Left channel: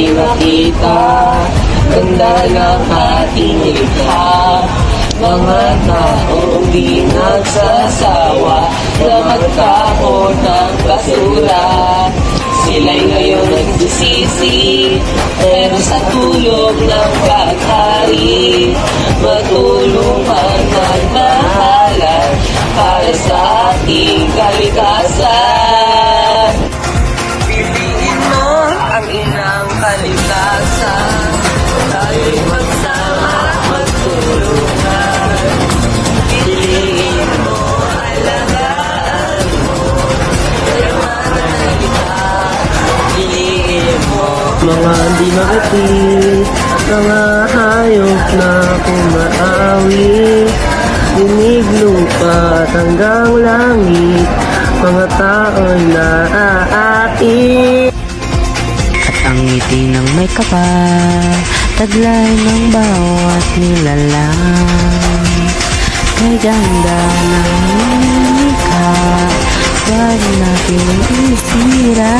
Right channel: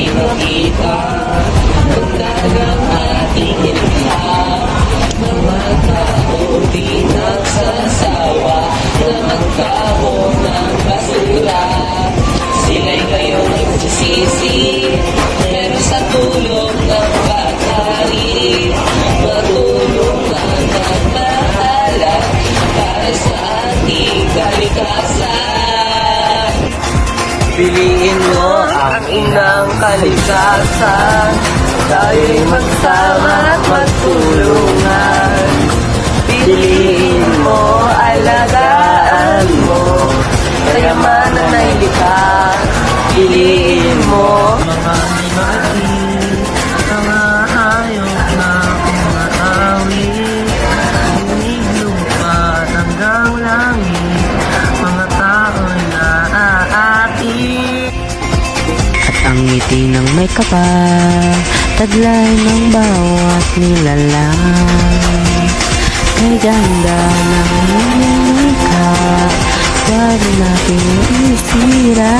di makita, ganda ng ating nilikha. Mga taong di nagsasawa na magkahon ng basura. Sila'y ngayon nagsisisi, pero sa tulong ng pagkari, matulungan at mahala para sa ating kalikasan. Piliin mo ang inang kalikasan, tayo'y magsama at magtulungan. Piliin mo, alagaan mo, kayamanan na kita. Piliin mo Mga di maatit, mga hayop na kumaawi, dinig lupa at hanggang langit, mga tao'y naaati. At ang ngiti ng may kapal, taglay ng bawat nilalang. Kay ganda ng lumika, huwag natin isira.